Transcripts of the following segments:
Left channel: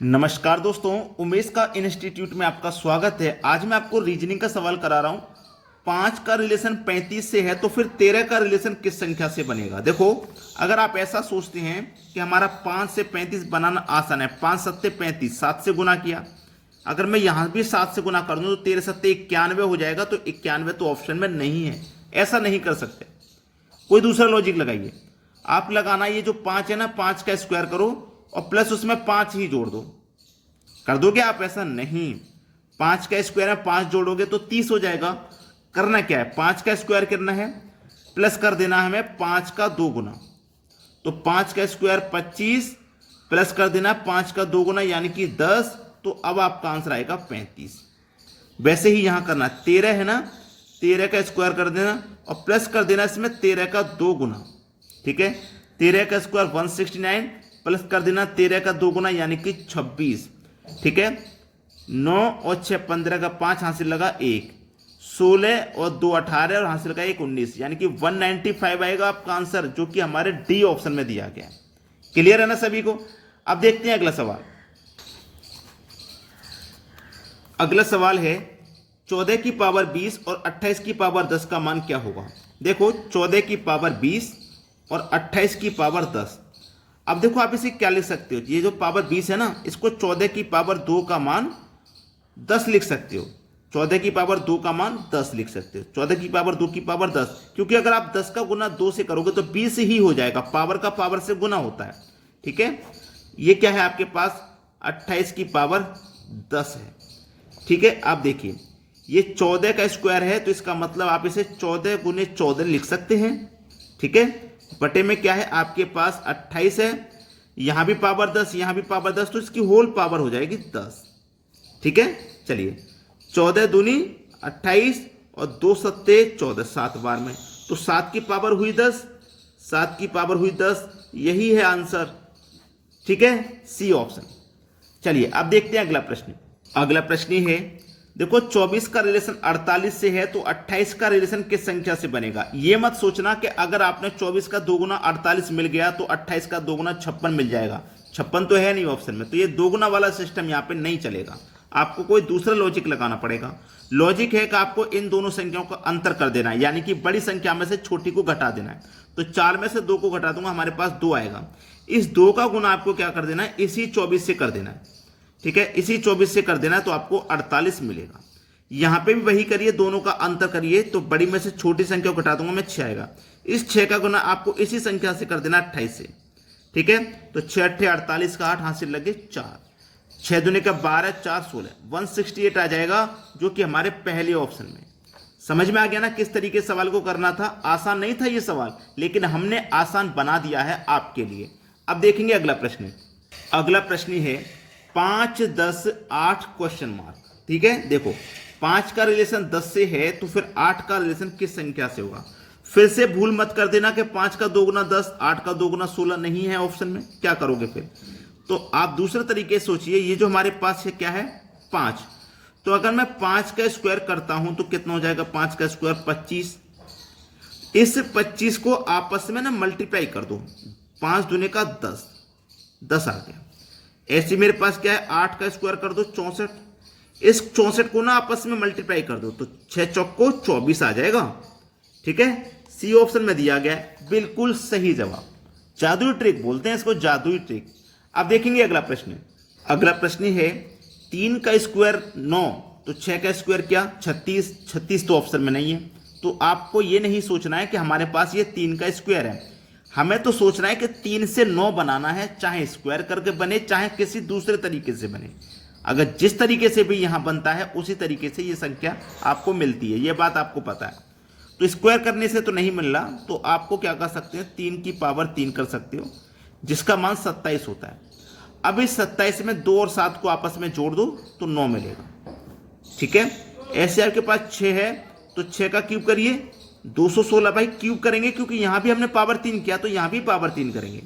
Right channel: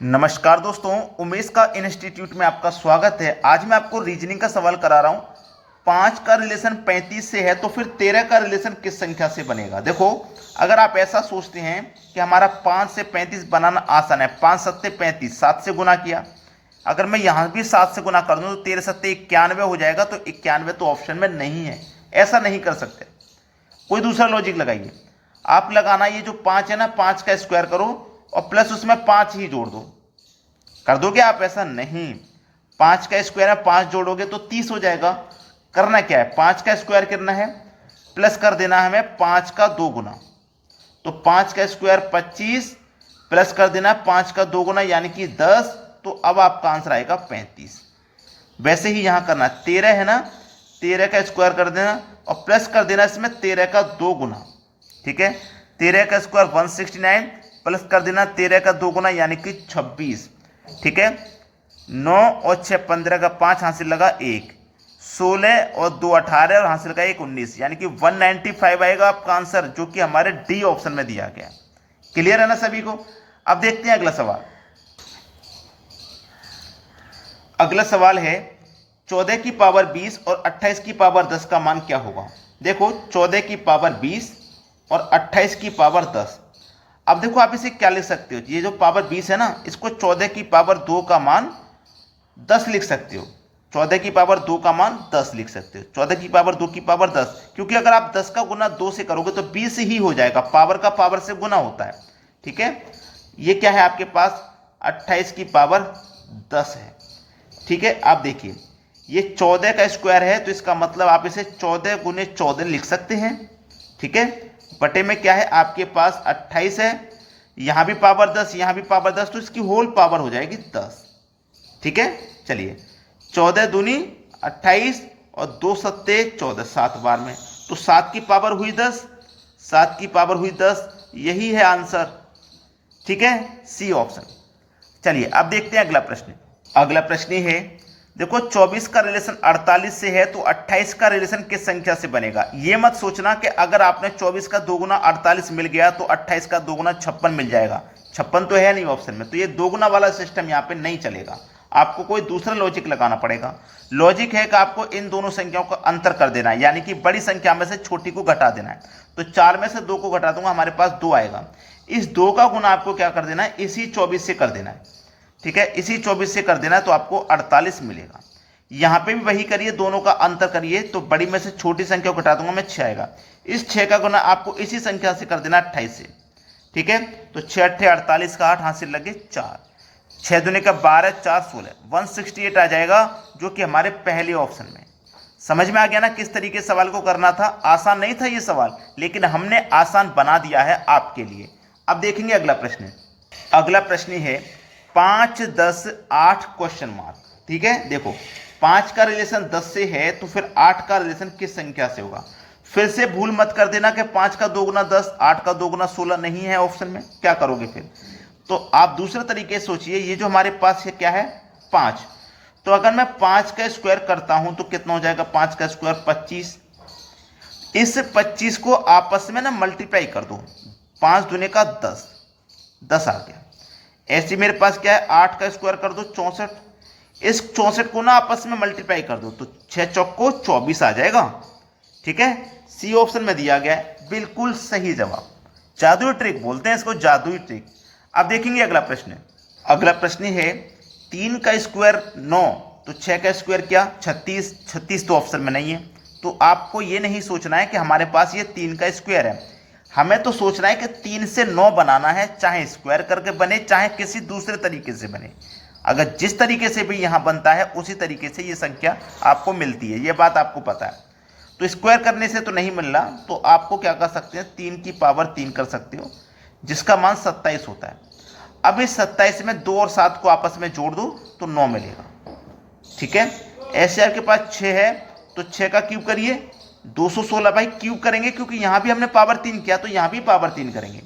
नमस्कार दोस्तों, उमेश का इंस्टीट्यूट में आपका स्वागत है। आज मैं आपको रीजनिंग का सवाल करा रहा हूं। 5 का रिलेशन 35 से है तो फिर 13 का रिलेशन किस संख्या से बनेगा। देखो, अगर आप ऐसा सोचते हैं कि हमारा 5 से 35 बनाना आसान है, 5 सत्ते 35, 7 से गुना किया, अगर मैं यहां भी 7 से गुना कर दूं तो 13 सत्ते 91 हो जाएगा, तो 91 तो ऑप्शन में नहीं है। ऐसा नहीं कर सकते, कोई दूसरा लॉजिक लगाइए। आप लगाना, ये जो 5 है ना, 5 का स्क्वायर करो और प्लस उसमें 5 ही जोड़ दो। कर दोगे आप? ऐसा नहीं, 5 का स्क्वायर है, 5 जोड़ोगे तो 30 हो जाएगा। करना क्या है, 5 का स्क्वायर करना है, प्लस कर देना है हमें 5 का 2 गुना, तो 5 का स्क्वायर 25, प्लस कर देना 5 का 2 गुना यानी कि 10, तो अब आपका आंसर आएगा 35। वैसे ही यहां करना, 13 है ना, 13 का स्क्वायर कर देना और प्लस कर देना इसमें 13 का 2 गुना। ठीक है, 13 का स्क्वायर 169, प्लस कर देना 13 का 2 गुना यानी कि 26। ठीक है, 9 और 6 15 का 5 हासिल लगा 1, 16 और 2 18 और हासिल लगा 1 19, यानी कि 195 आएगा आपका आंसर, जो कि हमारे डी ऑप्शन में दिया गया। क्लियर है ना सभी को? अब देखते हैं अगला सवाल। अगला सवाल है 14 की पावर 20 और 28 की पावर 10 का मान क्या होगा। देखो, 14 की पावर 20 और 28 की पावर 10। अब देखो, आप इसे क्या लिख सकते हो, ये जो पावर 20 है ना, इसको 14 की पावर 2 का मान 10 लिख सकते हो। 14 की पावर 2 का मान 10 लिख सकते हो, 14 की पावर 2 की पावर 10, क्योंकि अगर आप 10 का गुना 2 से करोगे तो 20 ही हो जाएगा, पावर का पावर से गुना होता है। ठीक है, ये क्या है आपके पास, 28 की पावर 10 है। ठीक है, आप देखिए, ये 14 का स्क्वायर है, तो इसका मतलब आप इसे 14 गुने 14 लिख सकते हैं। ठीक है, बटे में क्या है आपके पास 28 है, यहां भी पावर 10, यहां भी पावर 10, तो इसकी होल पावर हो जाएगी 10। ठीक है, चलिए, 14 दूनी 28 और 2 सत्ते 14, 7 बार में, तो 7 की पावर हुई 10, 7 की पावर हुई 10, यही है आंसर। ठीक है, सी ऑप्शन। चलिए अब देखते हैं अगला प्रश्न। अगला प्रश्न है, देखो, 24 का रिलेशन 48 से है तो 28 का रिलेशन किस संख्या से बनेगा। ये मत सोचना कि अगर आपने 24 का 2 गुना 48 मिल गया तो 28 का 2 गुना 56 मिल जाएगा। 56 तो है नहीं ऑप्शन में, तो ये 2 गुना वाला सिस्टम यहाँ पे नहीं चलेगा। आपको कोई दूसरा लॉजिक लगाना पड़ेगा। लॉजिक है कि आपको इन दोनों संख्याओं का अंतर कर देना है, यानी कि बड़ी संख्या में से छोटी को घटा देना है। तो 4 में से 2 को घटा दूंगा, हमारे पास 2 आएगा। इस 2 का गुना आपको क्या कर देना है, इसी 24 से कर देना है। ठीक है, इसी 24 से कर देना है, तो आपको 48 मिलेगा। यहां पे भी वही करिए, दोनों का अंतर करिए, तो बड़ी में से छोटी संख्या को घटा दूंगा मैं, 6 आएगा। इस 6 का गुना आपको इसी संख्या से कर देना 28 से। ठीक है, तो 6 अट्ठे 48 का 8 हासिल लगे 4, 6 दूने का 12, 4 16, 168 आ जाएगा, जो कि हमारे पहले ऑप्शन में। समझ में आ गया ना किस तरीके सवाल को करना था। आसान नहीं था ये सवाल, लेकिन हमने आसान बना दिया है आपके लिए। अब देखेंगे अगला प्रश्न। अगला प्रश्न है 5 10 8 क्वेश्चन मार्क। ठीक है, देखो, 5 का रिलेशन 10 से है तो फिर 8 का रिलेशन किस संख्या से होगा। फिर से भूल मत कर देना कि 5 का 2 गुना 10, 8 का 2 गुना 16 नहीं है ऑप्शन में। क्या करोगे फिर, तो आप दूसरे तरीके से सोचिए। ये जो हमारे पास है क्या है, 5, तो अगर मैं 5 का स्क्वायर करता हूं तो कितना हो जाएगा, 5 का स्क्वायर 25। इस 25 को आपस में ना मल्टीप्लाई कर दो, 5 दूने का 10, 10 आ गया। ऐसे मेरे पास क्या है, 8 का स्क्वायर कर दो 64, इस 64 को ना आपस में मल्टीप्लाई कर दो, तो 6 चौको 24 आ जाएगा। ठीक है, सी ऑप्शन में दिया गया है, बिल्कुल सही जवाब। जादुई ट्रिक बोलते हैं इसको, जादुई ट्रिक। अब देखेंगे अगला प्रश्न। अगला प्रश्न है 3 का स्क्वायर 9, तो 6 का स्क्वायर क्या, 36, 36 तो ऑप्शन में नहीं है। तो आपको ये नहीं सोचना है कि हमारे पास ये 3 का स्क्वायर है, हमें तो सोचना है कि 3 से 9 बनाना है, चाहे स्क्वायर करके बने चाहे किसी दूसरे तरीके से बने। अगर जिस तरीके से भी यहां बनता है उसी तरीके से ये संख्या आपको मिलती है, ये बात आपको पता है। तो स्क्वायर करने से तो नहीं मिल रहा, तो आपको क्या कर सकते हैं, 3 की पावर 3 कर सकते हो, जिसका मान 27 होता है। अब इस 27 में 2 और 7 को आपस में जोड़ दो तो 9 मिलेगा। ठीक है, ऐसे आपके पास 6 है, तो 6 का क्यूब करिए, 216। भाई क्यूब करेंगे क्योंकि यहां भी हमने पावर 3 किया, तो यहां भी पावर 3 करेंगे।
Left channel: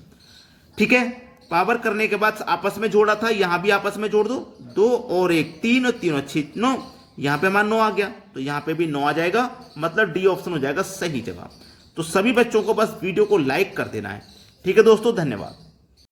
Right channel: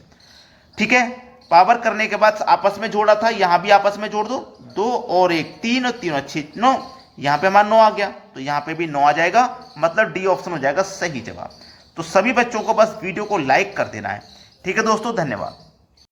ठीक है, पावर करने के बाद आपस में जोड़ा था, यहां भी आपस में जोड़ दो, 2 और 1 3 और 3 और 6 9, यहां पे हमारा 9 आ गया, तो यहां पे भी 9 आ जाएगा, मतलब डी ऑप्शन हो जाएगा सही जवाब। तो सभी बच्चों को बस वीडियो को लाइक कर देना है। ठीक है दोस्तों, धन्यवाद।